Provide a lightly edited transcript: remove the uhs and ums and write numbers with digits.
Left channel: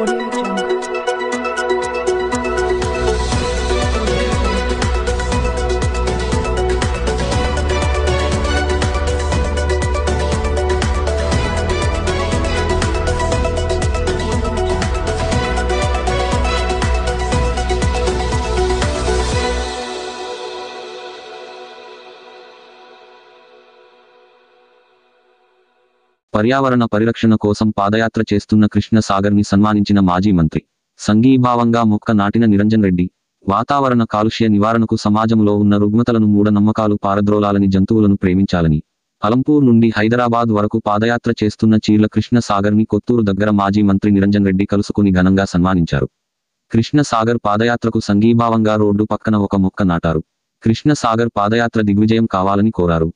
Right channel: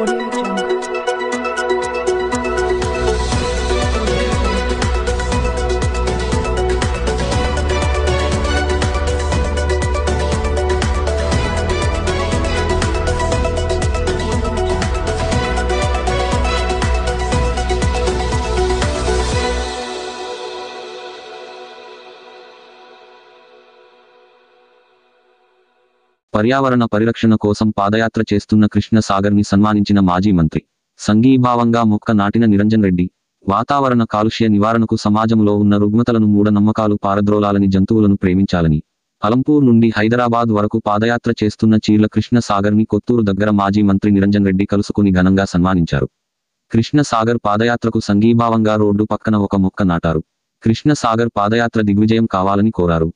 Audio Jungle. పర్యావరణ పరిరక్షణ కోసం పాదయాత్ర చేస్తున్న కృష్ణ సాగర్ని సన్మానించిన మాజీ మంత్రి. సంఘీభావంగా మొక్క నాటిన నిరంజన్ రెడ్డి. వాతావరణ కాలుష్య నివారణకు సమాజంలో ఉన్న రుగ్మతలను మూఢనమ్మకాలు పారద్రోలాలని, జంతువులను ప్రేమించాలని అలంపూర్ నుండి హైదరాబాద్ వరకు పాదయాత్ర చేస్తున్న చీర్ల కృష్ణ సాగర్ని కొత్తూరు దగ్గర మాజీ మంత్రి నిరంజన్ రెడ్డి కలుసుకుని ఘనంగా సన్మానించారు. కృష్ణ సాగర్ పాదయాత్రకు సంఘీభావంగా రోడ్డు పక్కన ఒక మొక్క నాటారు. కృష్ణ సాగర్ పాదయాత్ర దిగ్విజయం కావాలని కోరారు.